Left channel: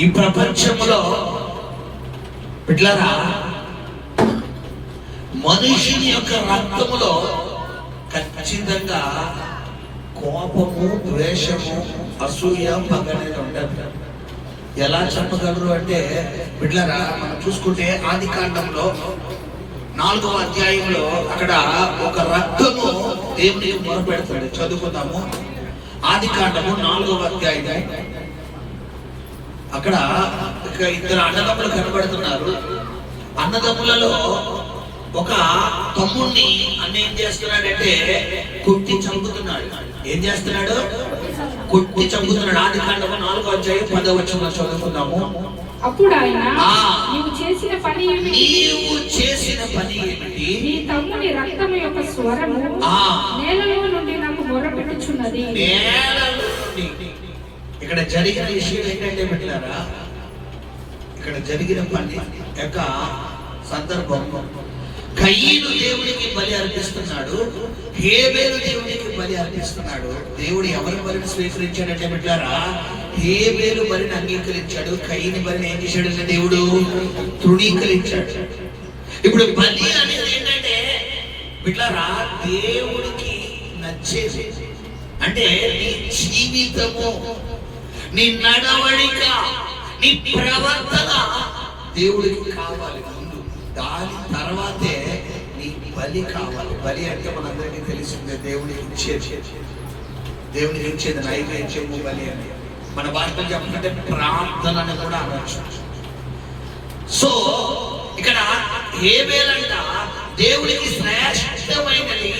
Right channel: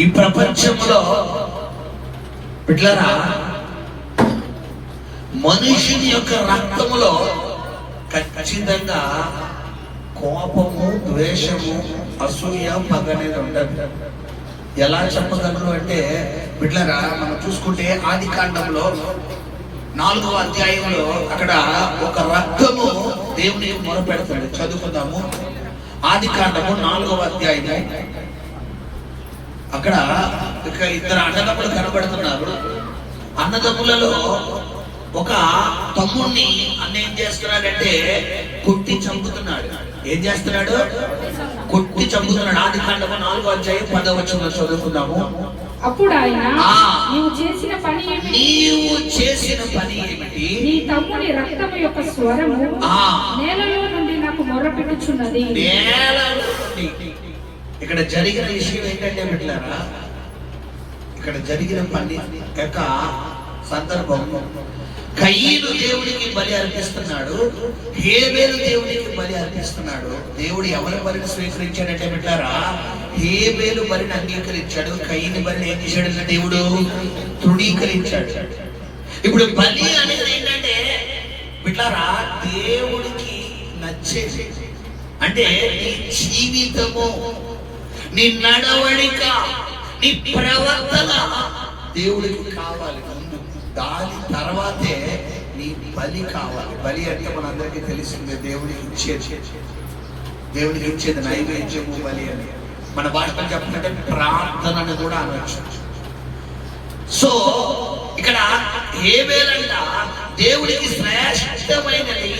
ఈ ప్రపంచంలో బిడ్డలారా, మనుషుని యొక్క రక్తములో ఖచ్చితంగా కోపము, ద్వేషము, అసూయ, పగ అనేది ఉండదు. ఎలా చెప్పగలరు అంటే బిడ్డలారా, మనం చూసుకుంటే ఆది కాండంలో 4వ అధ్యాయంలో అక్కడ ఒక రక్తము దేవునికి మొరపెడుతుంది. చదువుకుందాము. ఆది కాండము 4వ అధ్యాయము. అక్కడ ఇద్దరు అన్నదమ్ములు కనబడుతున్నారు. అన్నదమ్ములలో ఒక తమ్ముడిని అన్న ఏం చేస్తున్నాడంటే కొట్టి చంపుతున్నాడు. ఏం చేస్తున్నాడు? కొట్టి చంపుతున్నాడు. ఆది కాండము 4వ అధ్యాయం 10వ వచనం చదువుకుందాము. అప్పుడు ఆయన, నీవు చేసిన పని ఏమిటి? నీ తమ్ముని రక్తము యొక్క స్వరము నేలలో నుండి నాకు మొరపెట్టుచున్నది. ఇక్కడ జరిగిన విషయం ఏంటంటే బిడ్డలారా, ఇక్కడ జరిగిన పని యొక్క సందర్భం, కయీను దేవునికి బలి అర్పిస్తున్నాడు, హేబేలు దేవునికి బలి అర్పిస్తున్నాడు. దేవుడు ఎవరి బలిని స్వీకరించాడంటే బిడ్డలారా, హేబేలు బలిని అంగీకరించాడు, కయీను బలిని ఏం చేశాడు? దేవుడు తృణీకరించాడు. ఇప్పుడు బలి అనేది ఏంటంటే బిడ్డలారా, దేవుడికి నచ్చేది అంటే నీ జీవితము, నీ నడవడిక, నీ ప్రవర్తన దేవుడికి కావాలి. దాని తర్వాతే నీ బలి కావాలి. బలి అంటే మనందరికీ తెలిసిందే, దేవుడికి ఇచ్చేది నైవేద్యము బలి అని. మన భాషలో చెప్పాలంటే ప్రార్థన అని కూడా అనొచ్చు. సో ఇక్కడ హేబేలంట దేవుడికి శ్రేష్టమైనది,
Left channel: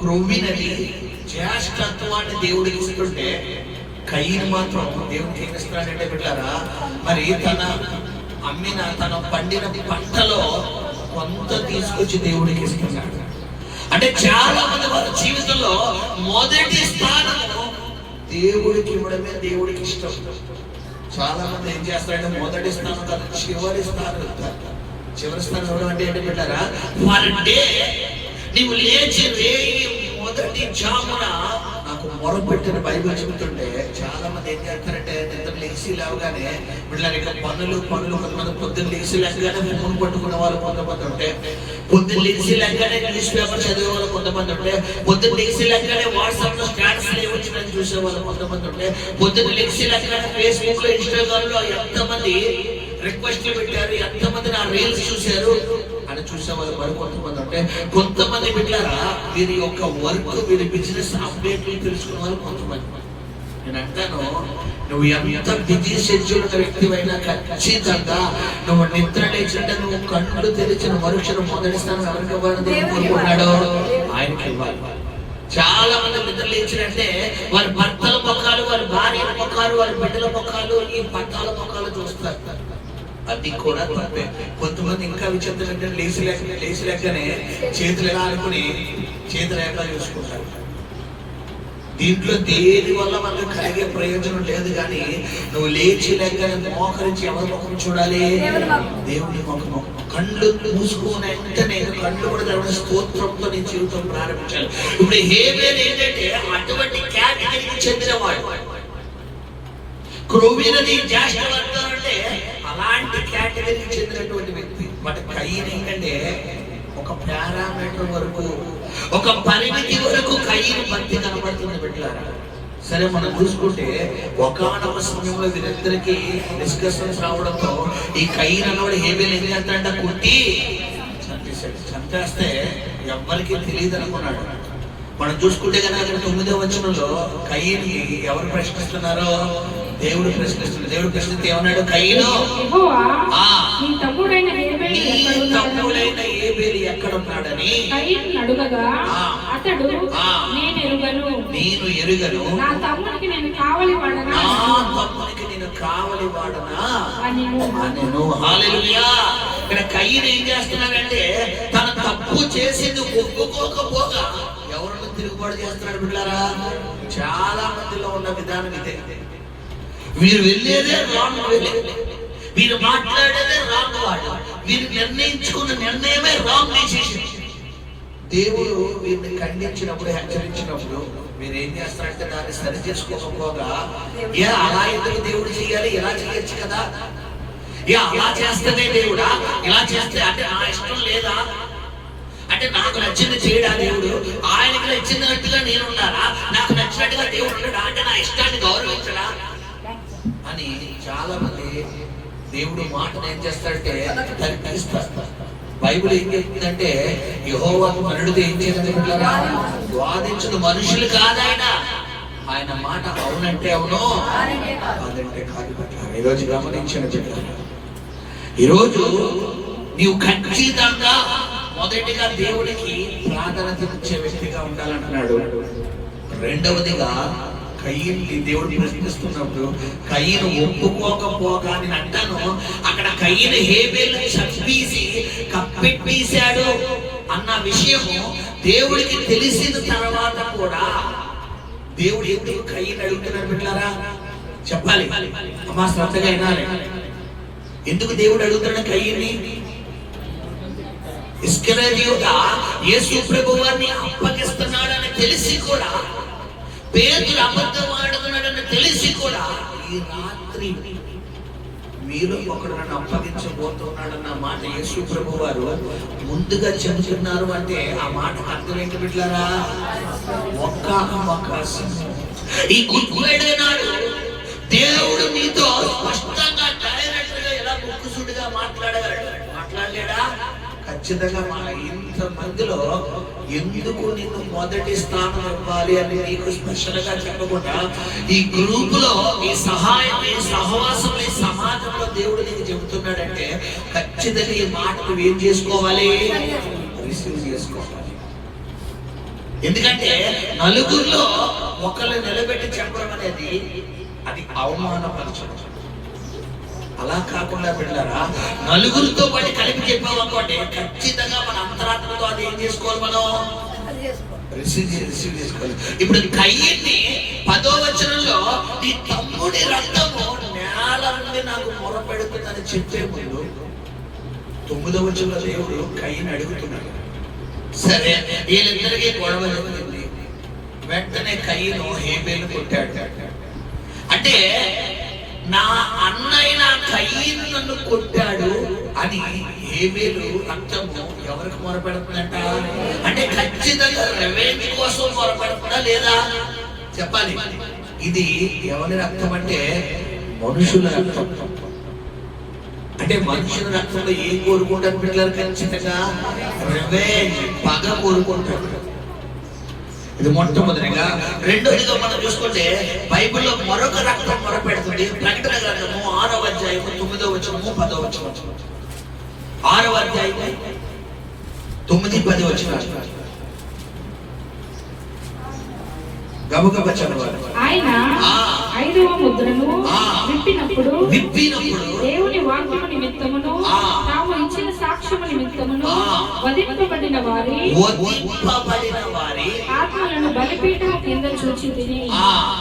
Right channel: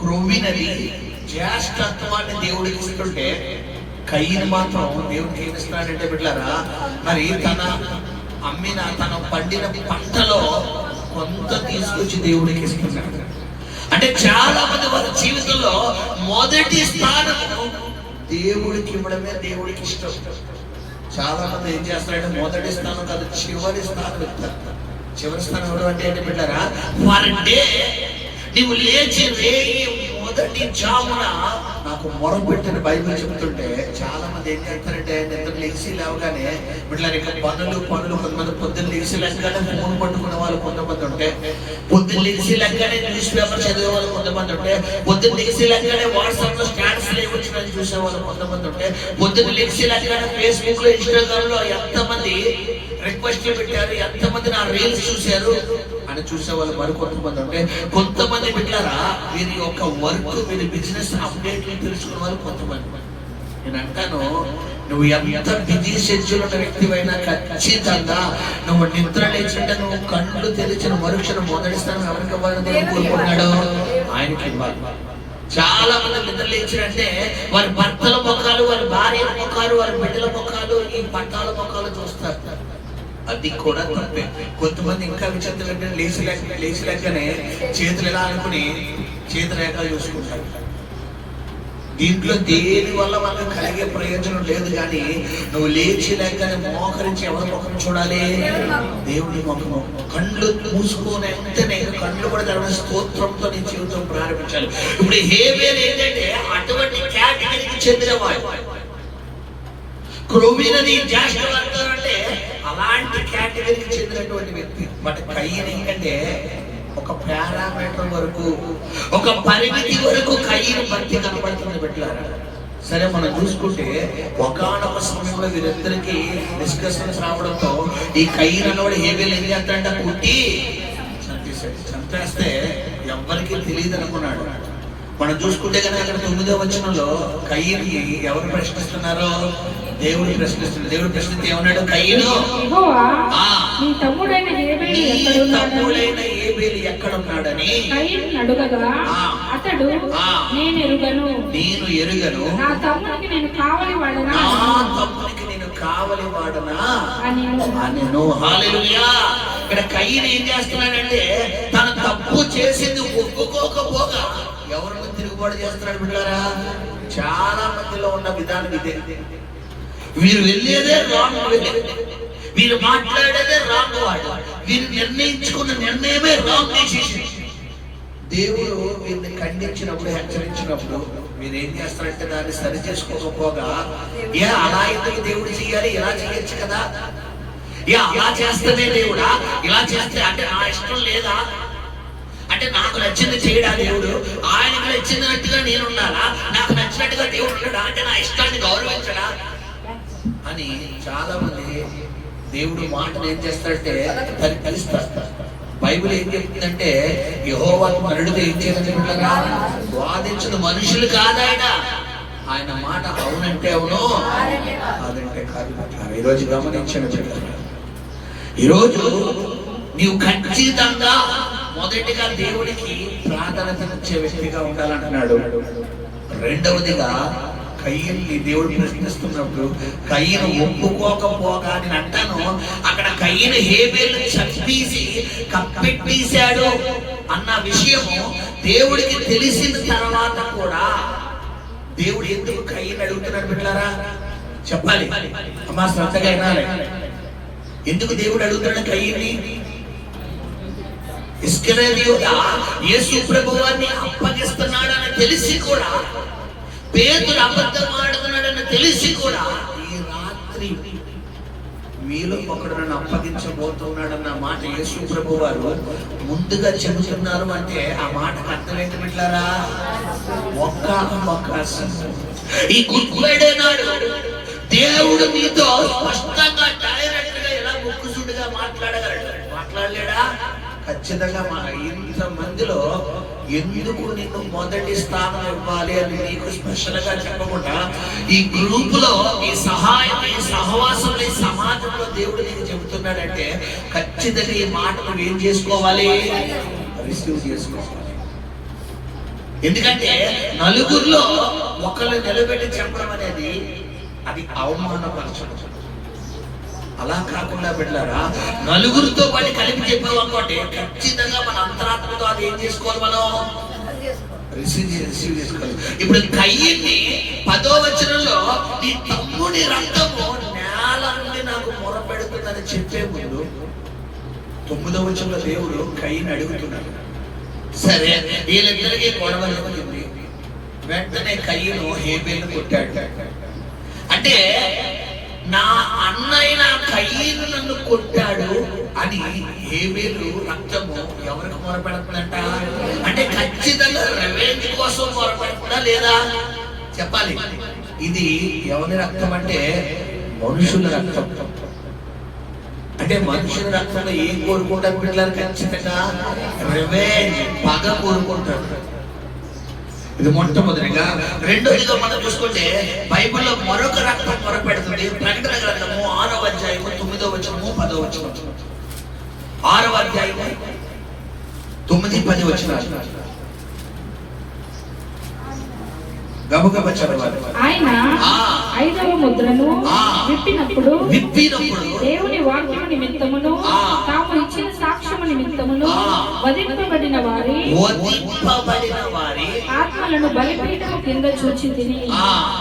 క్రొవ్వినది, జ్యేష్ఠత్వాన్ని దేవుడికి ఇస్తుంటే, కయీను మాత్రం దేవుడికి ఏమి ఇస్తున్నాడంటే బిడ్డలారా, మరి తన పండిన పంటలో కొంత తీసుకొచ్చి దేవుడికి ఇస్తున్నాడు. అంటే చాలా మంది వారి జీవితంలో మొదటి స్థానము దేవుడికి ఇవ్వడమే దేవుడికి ఇష్టం. చాలా మంది ఏం చేస్తారంటే మొదటి స్థానం కాదు, చివరి స్థానం ఇస్తారు. చివరి స్థానం ఇవ్వడం అంటే ఏంటి బిడ్డారా, పర్ డే నీవు లేచి మొదటి జామున నాకు మొరపెట్టిన బైబిల్ చెబుతుంటే చాలా మంది ఏం చేస్తారంటే నిద్ర లెగిసి లేవగానే బిడ్డలారా, ఇక పనులు కొంతమంది పొద్దున్న లెగిసి లెక్కగానే ఫోన్ పట్టుకునే వాళ్ళు కొంతమంది ఉంటే, పొద్దున్న లెగిసి లెక్కగానే న్యూస్ పేపర్ చదివే వాళ్ళు కొంతమంది ఉంటే, పొద్దున్న లెగిసి లెక్కగానే వాట్సాప్ లో స్టాటస్ వచ్చినది చూసే వాళ్ళు కొంతమంది ఉంటే, పొద్దున్న లెగిసి లెక్కగానే ఫేస్బుక్ లో, ఇన్స్టాగ్రామ్ లో ఎంతమంది రిక్వెస్ట్లు పెట్టారు, ఎంతమంది నా రీల్స్ చూశారు అని చూసే వాళ్ళు మరి కొంతమంది ఉంటే, కొంతమంది బిడ్డలారా వీరి యొక్క వర్క్, వీరి బిజినెస్ అప్డేట్లు తెలుసుకునే వాళ్ళు కొంతమంది. నేను అంటాను, నువ్వు ఎంత బిజీ షెడ్యూల్ ఉన్న వ్యక్తివైనా ఖచ్చితంగా నువ్వు నిద్ర లేచింటే నువ్వు కళ్ళు తెరిచిన మరుక్షణం మొదటి స్థానం ఎవరికి ఇవ్వాలని కోరుకున్నాడు? ఆయనకి ఇవ్వాలి. చాలా మంది నిద్ర లేచినంటే వారి భర్తల ముఖాలు, వారి భార్యల ముఖాలు, వారి బిడ్డల ముఖాలు, ఈ పట్టాల ముఖాలు చూస్తారు. అది కూడా తప్పే. కొంతమంది ఇంకా విచిత్రం అంటే లేచి లేకనే చేతులు ఎలా అనుకుని చేతులు ఎట్లా చూసుకుంటారు. దీంట్లో దేని వల్ల మనకు కలిగే ప్రయోజనం లేదు. కానీ నువ్వు లేచి లేకనే మోకరించి ఎవరి ముఖం చూడాలి? దేవుని ముఖము. కళ్ళు మూసుకునే వెంటనే కళ్ళు కూడా తెరవడం, స్తోత్రంతో నీ జీవితం ప్రారంభించాలి. ఇప్పుడు హేబేలు ఏంటంటే అటువంటి కేటగిరీకి చెందినవాడు. క్రొవ్వినది జ్యేష్ఠవర్గం అంటే అలాంటి కేటగిరీకి చెందినటువంటి వ్యక్తి. బట్ కయీను ఏంటంటే ఒక పారామీటర్ వరకు, ఒక పరిమితి వరకు కయీను భక్తి కనబడుతుంది బిడ్డలారా. సరే, మనం చూసుకుంటే ఒకానొక సమయంలో వీరిద్దరికి డిస్కషన్స్ రావడంతో ఈ కయీను అన్నవాడు హేబేలు ఏం చేస్తాడంటే కొట్టి చంపేశాడు. చంపేస్తే ఎవ్వరికి తెలియదు అనుకున్నాడు. మనం చూసుకుంటే కనుక ఇక్కడ 9వ వచనంలో కయీనుని ఎవరు ప్రశ్నిస్తున్నారో దేవుడు ప్రశ్నిస్తున్నాడు. దేవుడు ప్రశ్నిస్తే ఏమన్నాడు? కయీను, నీ తమ్ముడైన హేబేలు ఎక్కడున్నాడని అడుగగా అతడు, నేను ఎరుగను, నా తమ్మునికి నేను కావలి వాడనా అనెను. హల్లెలూయా. ఇక్కడ కయీను ఏం చేస్తున్నాడంటే తన తప్పు చేసింది ఒప్పుకోకపోగా ఎవరిని తిరుగుబాటు చేస్తున్నాడు బిడ్డలారా. చాలా మందిలో ఉన్న విధానం ఇదే. వీరు వెళ్ళేదే రాంగ్ వే, వీరు మాట్లాడేదే రాంగ్ వాడు, వీరు నిర్ణయించుకున్న నిర్ణయమే రాంగ్ డెసిషన్. దేవుడు వీరిని ఖండించినప్పుడు, హెచ్చరించినప్పుడు మీరు ఏం చేస్తారంటే దాన్ని సరి చేసుకోకపోగా అలా ఎందుకు దేవుడు చేయాలి, ఇలా చేయొచ్చు కదా, అలా చేస్తేనే దేవుడా, ఇలా చేస్తే అంటే నా ఇష్టం లేదా, అంటే నాకు నచ్చింది చేయడా దేవుడు, ఆయనకు నచ్చినట్టుగా నేను ఉండాలా, నాకు నచ్చినట్టుగా దేవుడు ఉండడా, అంటే నా ఇష్టాన్ని గౌరవించడా అని చాలా మంది దేవుడు మాటను ఏం చేస్తారంటే తగ్గిస్తారు. బైబిల్ ఏం చెప్తుందంటే యెహోవాను నరుడితో ఏం చేయాలనుకుంటారా, వాదించదు మనుషులు కాదాయన, ఆయన మాట అవునంటే అవును కాదంటే కాదు. ఈరోజు గమనించని చెప్తాను, ఈరోజు నీవు ఖచ్చితంగా మొదటిగా దేవుడికి ప్రాధాన్యతనిచ్చే వ్యక్తిగా ఉండాలంటున్నాడు. రెండవదిగా కయ్యని దేవుడు ప్రశ్నిస్తున్నప్పుడు కయ్యను ఒప్పుకోకపోగా నేను అంటాను, అక్కడ కయ్యను హేబేలు చంపేసి కప్పెట్టేశాడు అన్న విషయము దేవుడికి తెలిసిన తర్వాత కూడా దేవుడు ఎందుకు కయ్యను అడుగుతున్నాడు బిడ్డలారా చెప్పాలి, అమ్మా శ్రద్ధగా వినాలి. ఎందుకు దేవుడు అడుగుతున్నాడు కయ్యని? ఇస్కరియోతు యేసు ప్రభువాన్ని అప్పగిస్తున్నాడని తెలిసి కూడా, పేతురు అబద్ధం ఆడుతున్నాడని తెలిసి కూడా, ఈ రాత్రి మీలో ఒకడు నన్ను అప్పగించబోతున్నాడన్న మాట యేసు ప్రభు వారు ముందుగా చెబుతున్నారు. అంటే ఆ మాటకు అర్థం ఏంటి బిడ్డలారా? ఒక్క అవకాశం. ఈ గుడ్ ఫ్రైడే నాడు దేవుడు నీతో స్పష్టంగా డైరెక్ట్ గా ఇలా ముక్కుసూటిగా మాట్లాడలేడా? ఖచ్చితంగా మా ఇంత మందిలో ఎందుకు నిన్ను మొదటి స్థానం ఇవ్వాలి అని నీకు స్పష్టంగా చెప్పకుండా ఈ గ్రూప్ లో, ఈ సహాయం, ఈ సహవాసం, ఈ సమాజంలో దేవుడు నీకు చెబుతున్నాడంటే ఖచ్చితంగా ఈ మాట నువ్వు ఏం చేసుకోవాలి? రిసీవ్ చేసుకోవాలి. ఎందుకంటే నలుగురిలో ఒకళ్ళు నిలబెట్టి చెప్పడం అనేది అది అవమానపరచడం. అలా కాకుండా బిడ్డలారా, నలుగురితో పాటు కలిపి చెప్పావు అనుకోండి, ఖచ్చితంగా మన అంతరాత్మతో అది ఏం చేసుకోవాలి, మనం రిసీవ్ చేసుకోవాలి. ఇప్పుడు కయ్యని 10వ వచనంలో నీ తమ్ముడి రక్తము నేల నుండి నాకు మొరపెడుతుందని చెప్పే ముందు 9వ వచనంలో దేవుడు కయ్యని అడుగుతున్నాడు. సరే, వీళ్ళిద్దరికీ గొడవ జరిగింది. వెంటనే కయ్యను హేబేలును కొట్టాడు. అంటే నా అన్నయ్య కయ్యను నన్ను కొట్టాడు అని హేబేలు రక్తము ఎవరికి మొరపెడుతుందంట? అంటే ఖచ్చితంగా రెవెన్యూ కోసం మొరపెడుతుందా లేదా చెప్పాలి. ఇది ఎవరి రక్తం అంటే మనుషుల రక్తం. అంటే మనుషుల రక్తంలో ఏం కోరుకుంటారు పిల్లలు? ఖచ్చితంగా రెవెన్యూ, పగ కోరుకుంటారు. ఇది మొట్టమొదటిగా. రెండోదిగా మనం చూసుకుంటే బైబిల్లో మరొక రక్తం మొరపెడుతుంది. ప్రకటన గ్రంథము 6వ అధ్యాయము 9వ వచనము 10వ వచనం. 6వ అధ్యాయము 9, 10 వచనాలు గబగబ చదవాలి. ఆయన 5వ ముద్రను విప్పినప్పుడు దేవుని వాక్యము నిమిత్తమును తాము ఇచ్చిన సాక్ష్యము నిమిత్తమును వధింపబడిన వారి ఆత్మలను బలిపీఠము కింద చూచితిని.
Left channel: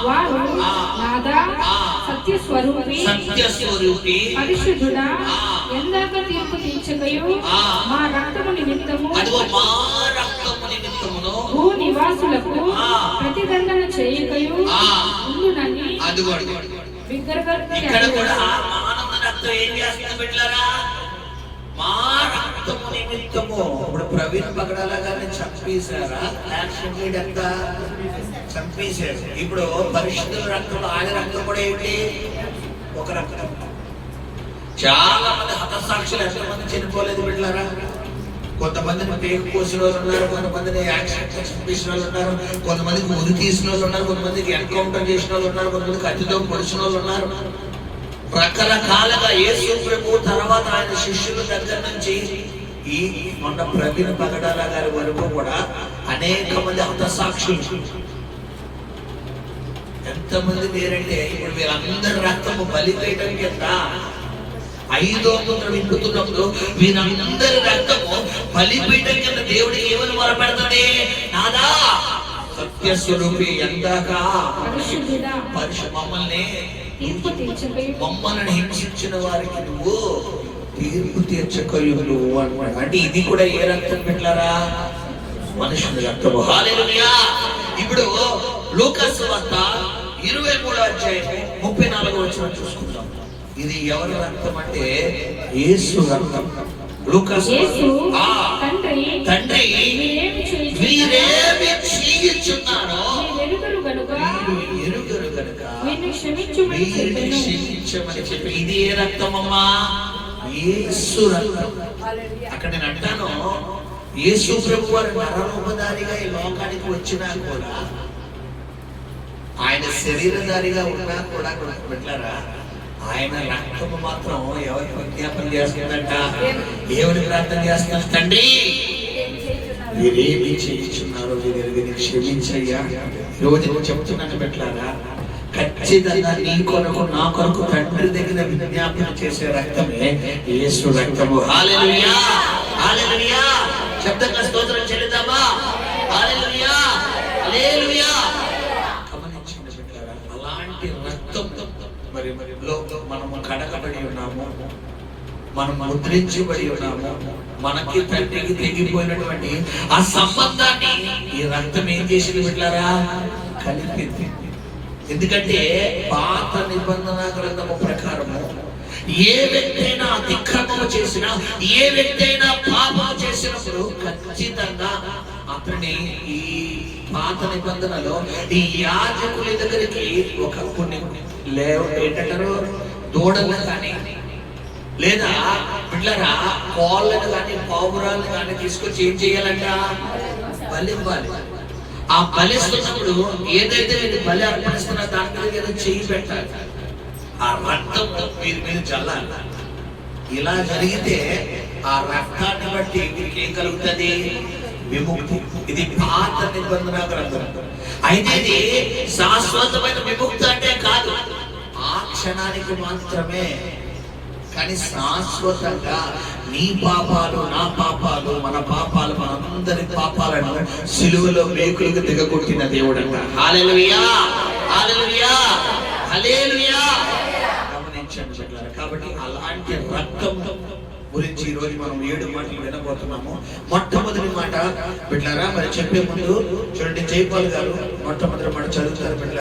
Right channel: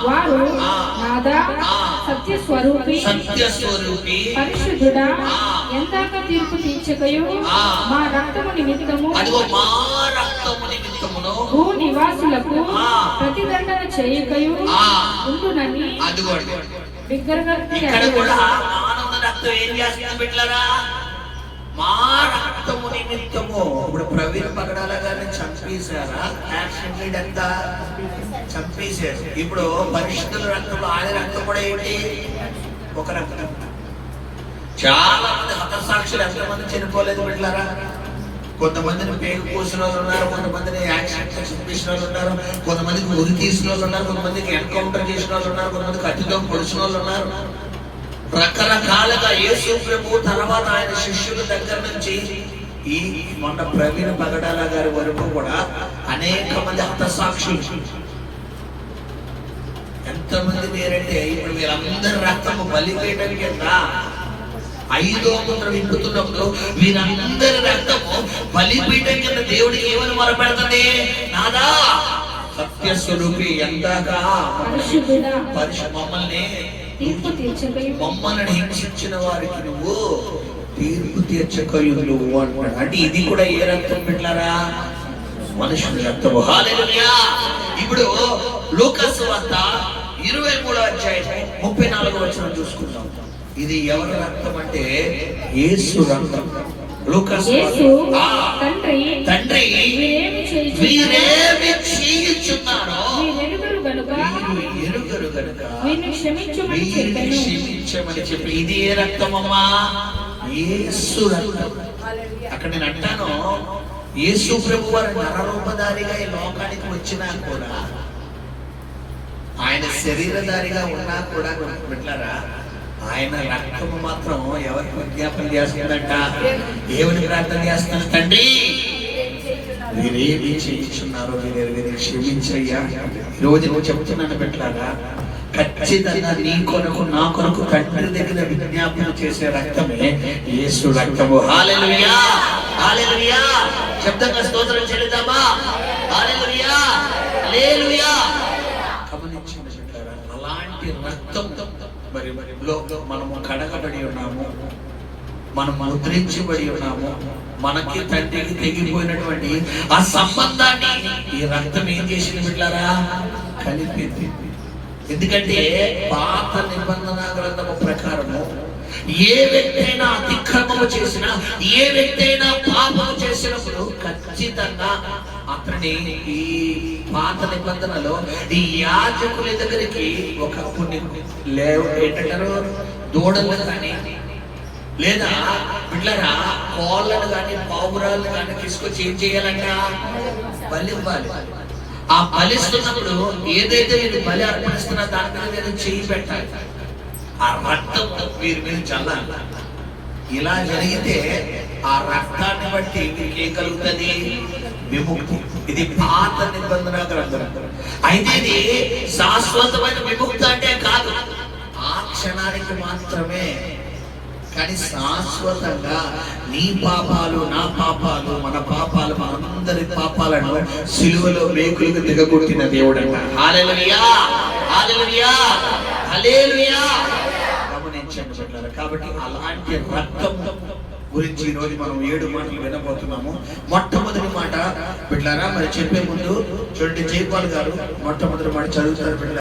వారు నాదా సత్యస్వరూపి పరిశుద్ధుడా, ఎందాక తీర్పు తీర్చకయు మా రక్తము నిమిత్తము భూ నివాసులకు ప్రతిదండన చేయకయు ఉండునని ఇక్కడ కూడా మానవ రక్తం ఏం చేస్తుంది బిడ్డలారా? మా రక్తము నిమిత్తము. ఇప్పుడు ప్రవీణ్ పగడాల గారిని చంపేశారా? యాక్షన్ లీడ్ అంతా చంపేశాడు. ఇప్పుడు పరిశుద్ధుల రక్తంలో ఆయన రక్తం కూడా ఏంటి? ఒక రక్తం. చాలా మంది హతసాక్షులు ఎంతమంది చనిపోలేదు బిడ్డలారా? కొంతమందిని పేరు పోసిన వాళ్ళు ఉన్నారు, కొంతమందిని యాక్సిడెంట్ చంపేసిన వాళ్ళు ఉన్నారు, కొంతమందికి ఉరి తీసిన వాళ్ళు ఉన్నారు, కొంతమందికి ఎన్కౌంటర్ చేసిన వాళ్ళు ఉన్నారు, కొంతమందికి కత్తితో పొడిచిన వాళ్ళు ఉన్నారు. రకరకాలుగా యేసు ప్రభు తర్వాత ఆయన శిష్యుల దగ్గర నుంచి ఈ మొన్న ప్రవీణ్ పగడాల గారి వరకు కూడా అనేక మంది హతసాక్షులు. ఎంతమంది లేరంటే ఇప్పుడు వీళ్ళందరి రక్తము బలిపీఠం కింద 5వ ముద్ర విప్పుతున్నప్పుడు వీరందరి రక్తము బలిపీఠం కింద దేవుడికి ఏమని మొరపెడుతుంది? నాదా సత్యస్వరూపి, ఎందాక మమ్మల్ని హింసించిన వారికి నువ్వు తీర్పు తీర్చకయు నువ్వు అంటున్నాడు. అంటే ఇది కూడా ఏ రక్తం పెట్టారా? మనుషుని రక్తము. హల్లెలూయా. ఇప్పుడు లూకాసు వార్త 23వ అధ్యాయం 34వ వచనం చూసుకుందాం. ఇది ఎవరి రక్తం అంటే యేసు రక్తం. లూకాసు యేసు ఆ, తండ్రి వీరేమి చేయుచున్నారో వీరెరుగరు గనుక వీరు ఎరుగరు గనుక వీరిని క్షమించుమని వీరిని చెప్పెను. క్షమించమని చెప్పి, ఇది ఏ రక్తమమ్మా? యేసు రక్తం. అక్కడ నేను అంటాను, యేసు ప్రభు వారి నరరూపధారిగా ఈ లోకానికి వచ్చినా కూడా, ఆయన శరీరధారిగా ఉన్నా కూడా బిడ్డలారా, ఆయన రక్తము మాత్రం ఎవరికి విజ్ఞాపన చేస్తుందంట? దేవుని ప్రార్థన చేస్తున్నారు, తండ్రి మీరేమి చేయించున్నారో వీరు క్షమించయ్యా. ఈరోజు నువ్వు చెప్తున్నాను బిడ్డలారా, ఖచ్చితంగా నీ కొరకు నా కొరకు తండ్రి దగ్గర విజ్ఞాపన చేసే రక్తమే యేసు రక్తము. హల్లెలూయా, హల్లెలూయా. శబ్దంగా స్తోత్రం చెల్లిద్దామా? హల్లెలూయా, హల్లెలూయా. గమనించండి బిడ్డలారా, అలాంటి రక్తం మరి మనము కడగబడి ఉన్నాము, మనం ముద్రించబడి ఉన్నాము. మనకి తండ్రికి తెగిపోయినటువంటి ఆ సంబంధాన్ని ఈ రక్తం ఏం చేసింది బిడ్డలారా? కలిపింది. ఎందుకంటే పాత నిబంధన గ్రంథము ప్రకారము ఏ వ్యక్తి అయినా అతిక్రమము చేసినా, ఏ వ్యక్తి అయినా పాపము చేసినప్పుడు ఖచ్చితంగా అతని ఈ పాత నిబంధనలో ఈ యాజకుల దగ్గరికి ఒక కొన్ని ఏంటంటారు, దూడలు కానీ లేదా పిల్లరా కోళ్ళను కానీ పావురాలను కానీ తీసుకొచ్చి ఏం చేయాలంట? బలి ఇవ్వాలి. ఆ బలిస్తున్నప్పుడు ఏదైతే నేను బలి అర్పణిస్తున్నా దాని మీద ఏదో చేయి పెట్టాలి, ఆ రక్తం వీరి మీద చల్లాలి. ఇలా జరిగితే ఆ రక్తాన్ని బట్టి వీరికి ఏం కలుగుతుంది? విముక్తి. ఇది పాత నిబంధన గ్రంథం. అయితే ఇది శాశ్వతమైన విముక్తి అంటే కాదు, ఆ క్షణానికి మాత్రమే. కానీ శాశ్వతంగా నీ పాపాలు, నా పాపాలు, మన పాపాలు, మనందరి పాపాలను సిలువలో మేకులకు దిగగొట్టిన దేవుడు అంట. హల్లెలూయా, హల్లెలూయా, హల్లెలూయా. గమనించండి బిడ్డలారా, కాబట్టి అలాంటి రక్తం గురించి ఈ రోజు మనం 7 మాటలు వినబోతున్నాము. మొట్టమొదటి మాట బిడ్డలారా, మరి చెప్పే ముందు చూడండి, జైపాల్ గారు మొట్టమొదటి మాట చదువుతారు బిడ్డలారా.